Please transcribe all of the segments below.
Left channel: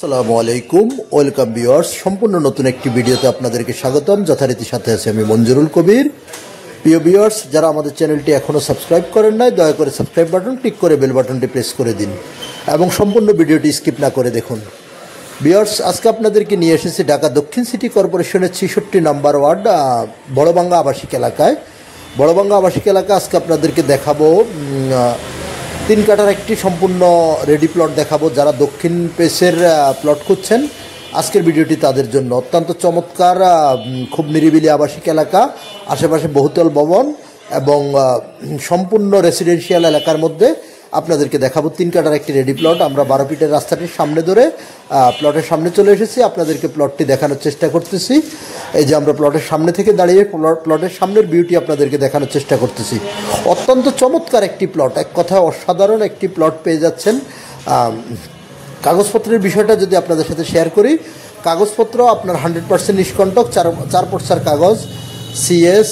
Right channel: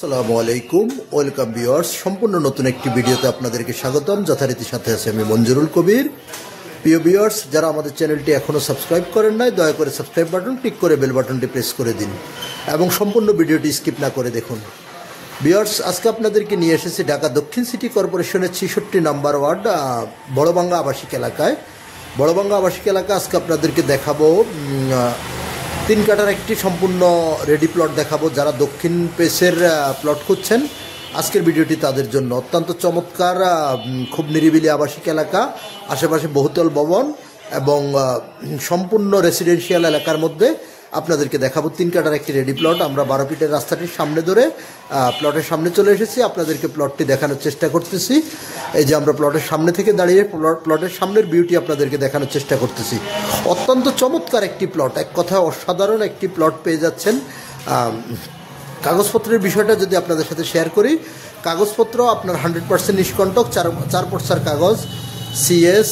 আসসালামু আলাইকুম, welcome viewers. সম্পূর্ণ নতুন একটি ভিডিওতে আপনাদেরকে স্বাগতম। যথারীতি সাথে আছে আমি মঞ্জুরুল কবির। প্রিয় ভিউয়ার্স, যারা আমাদের চ্যানেলটি এখনও সাবস্ক্রাইব করেন নাই, দয়া করে সাবস্ক্রাইব বাটন ক্লিক করে বেল বাটনটি প্রেস করে দিন এবং সম্পূর্ণ ভিডিওটি স্কিপ না করে দেখুন। ভিউয়ার্স, আজকে আপনাদেরকে নিয়ে এসেছি ঢাকা দক্ষিণ সিটি কর্পোরেশনের 66 নম্বর ওয়ার্ড বড়বাঙ্গা আবাসিক এলাকায়। বড়বাঙ্গা আবাসিক এলাকা আজকে আপনাদেরকে দেখাবো 3 কাঠার একটি সম্পূর্ণ রেডি প্লট দেখাবো। যারা দক্ষিণ পেসের প্লট খুঁজছেন, আজকের ভিডিওটি তাদের জন্য। অত্যন্ত চমৎকার, খুব নিরিবিলি আবাসিক এলাকা, আশেপাশে বহুতল ভবন এবং সম্পূর্ণ রেসিডেন্সিয়াল এলাকার মধ্যে আপনাদেরকে দেখাবো 3 কাঠার একটি রেডি প্লট। আমরা 12 ফিটের রাস্তাটির সামনে ধরে প্লটের সামনে চলে এসেছি, আপনাদেরকে প্লটটি দেখানোর চেষ্টা করতেছি। এই যে আমরা প্লটের সামনে থেকে দাঁড়িয়ে প্লটের সামনের বিউটি আপনাদেরকে দেখানোর চেষ্টা করতেছি। অত্যন্ত চমৎকার একটি প্লট, এক কথায় অসাধারণ একটি প্লট পেয়ে যাচ্ছেন। কাগজপত্রের বিষয়টা যদি আপনাদের সাথে শেয়ার করি, কাগজপত্র আপনার 100% নিষ্কণ্টক, 4 পর্সার কাগজ, সিএস,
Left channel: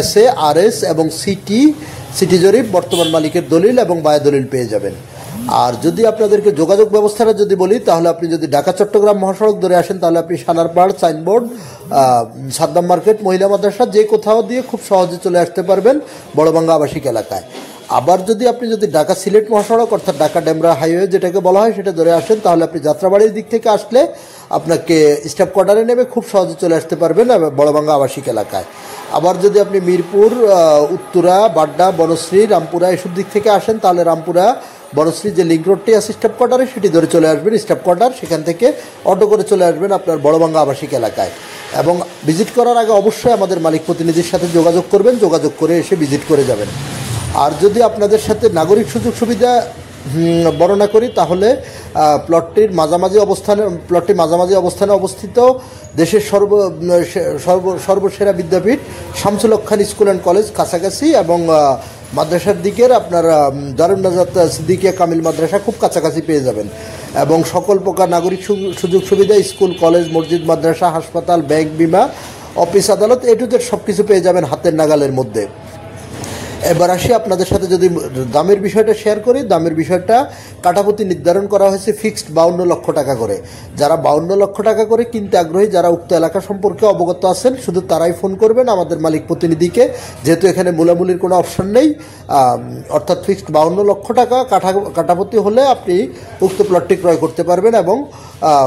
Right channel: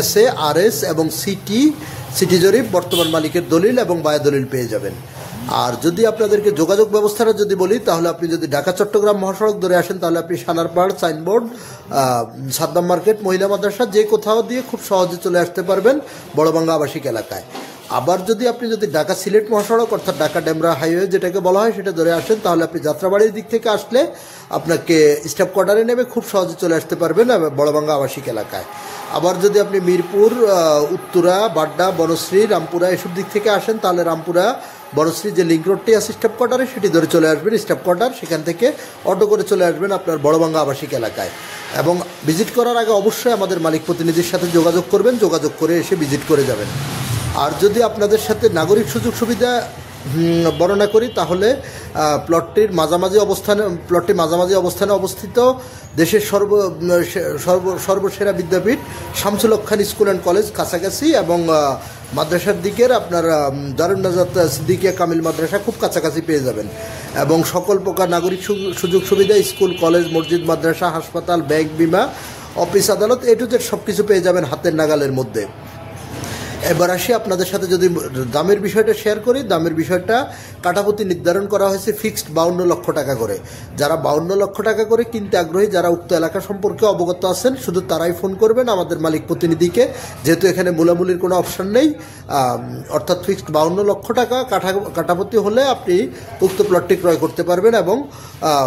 এসএ, আরএস এবং সিটি জরিপ, বর্তমান মালিকের দলিল এবং বায়া দলিল পেয়ে যাবেন। আর যদি আপনাদেরকে যোগাযোগ ব্যবস্থাটা যদি বলি, তাহলে আপনি যদি ঢাকা চট্টগ্রাম মহাসড়ক ধরে আসেন, তাহলে আপনি সানারপাড়, সাইনবোর্ড, সাদ্দাম মার্কেট, মহিলা মাদ্রাসা, যে কোথাও দিয়ে খুব সহজে চলে আসতে পারবেন বড়বাঙ্গা আবাসিক এলাকায়। আবার যদি ঢাকা সিলেট মহাসড়ক অর্থাৎ ঢাকা ডেমরা হাইওয়ে যেটাকে বলা হয়, সেটা ধরে আসেন, তাহলে আপনি যাত্রাবাড়ির দিক থেকে আসলে আপনাকে স্টাফ কোয়ার্টারে নেমে খুব সহজে চলে আসতে পারবেন বড়বাঙ্গা আবাসিক এলাকায়। আবার যদি আপনি মিরপুর, উত্তরা, বাড্ডা, বনশ্রী, রামপুরা এসব দিক থেকে আসেন, তাহলে রামপুরা বনশ্রী যে লিঙ্ক রোডটি আছে স্টাফ কোয়ার্টারে, সেটি ধরে চলে আসবেন স্টাফ কোয়ার্টার। সেখান থেকে অটো করে চলে আসবেন আপনার বড়বাঙ্গা আবাসিক এলাকায়। এবং ভিজিট করার আগে অবশ্যই আমাদের মালিক প্রতিনিধির সাথে যোগাযোগ করবেন, যোগাযোগ করে এসে ভিজিট করে যাবেন। আর যদি আপনাদের সাথে নাগরিক সুযোগ সুবিধা বর্ণনা করি, তাহলে প্লটটি মাঝামাঝি অবস্থানে অবস্থিত দেশের সর্বসেরা বিদ্যাপীঠ শামসুল হক খান স্কুল অ্যান্ড কলেজ কাছাকাছি, এবং মাদ্রাসার দিকের আপনার দারুন নাজাত সিদ্দিকিয়া কামিল মাদ্রাসা খুব কাছাকাছি পেয়ে যাবেন। এবং সকল প্রকার নাগরিক সুযোগ সুবিধা, স্কুল, কলেজ, মসজিদ, মাদ্রাসা, হাসপাতাল, ব্যাংক, বিমা, অফিস, আদালত, এ টু জেড সব কিছু পেয়ে যাবেন হাতের নাগালের মধ্যে। এবার আসি আপনাদের সাথে যদি দামের বিষয়টা শেয়ার করি, দামের বিষয়টা কাঠাপতি নির্ধারণ করা হয়েছে ফিক্সড 52 লক্ষ টাকা করে। যারা 52 লক্ষ টাকা করে কিনতে আগ্রহী, যারা উক্ত এলাকা সম্পর্কে অবগত আছেন, শুধু তারাই ফোন করবেন আমাদের মালিক প্রতিনিধিকে, যেহেতু এখানে মূলামূলির কোনো অপশন নেই। অর্থাৎ ফিক্সড 52 লক্ষ টাকা কাঠাপতি হলে আপনি উক্ত প্লটটি ক্রয় করতে পারবেন এবং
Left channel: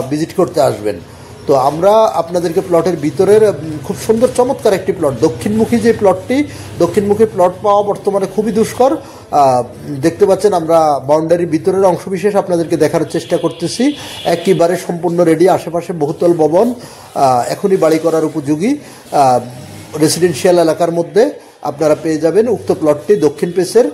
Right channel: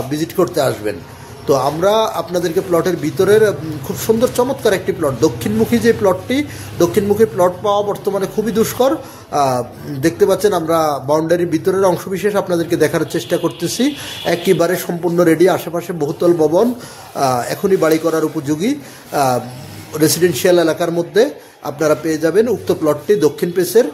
ভিজিট করতে আসবেন। তো আমরা আপনাদেরকে প্লটের ভিতরের খুব সুন্দর চমৎকার একটি প্লট, দক্ষিণমুখী যে প্লটটি, দক্ষিণমুখী প্লট পাওয়া বর্তমানে খুবই দুষ্কর। দেখতে পাচ্ছেন আমরা বাউন্ডারির ভিতরের অংশবিশেষ আপনাদেরকে দেখার চেষ্টা করতেছি। একেবারে সম্পূর্ণ রেডি, আশেপাশে বহুতল ভবন, এখনই বাড়ি করার উপযোগী রেসিডেন্সিয়াল এলাকার মধ্যে আপনারা পেয়ে যাবেন উক্ত প্লটটি দক্ষিণ পেসের।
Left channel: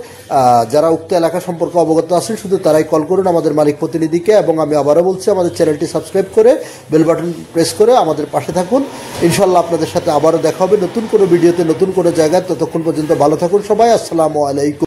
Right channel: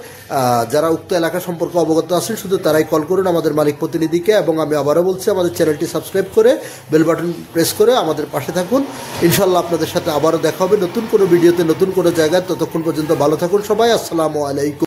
যারা উক্ত এলাকা সম্পর্কে অবগত আছেন, শুধু তারাই কল করুন আমাদের মালিক প্রতিনিধিকে। এবং আমি আবারও বলছি, আমাদের চ্যানেলটি সাবস্ক্রাইব করে বেল বাটন প্রেস করে আমাদের পাশে থাকুন। ইনশাল্লাহ আপনাদের সাথে আবারও দেখা হবে নতুন কোনো ভিডিওতে, নতুন কোনো জায়গায়। ততক্ষণ পর্যন্ত ভালো থাকুন সবাই। আসসালামু আলাইকুম।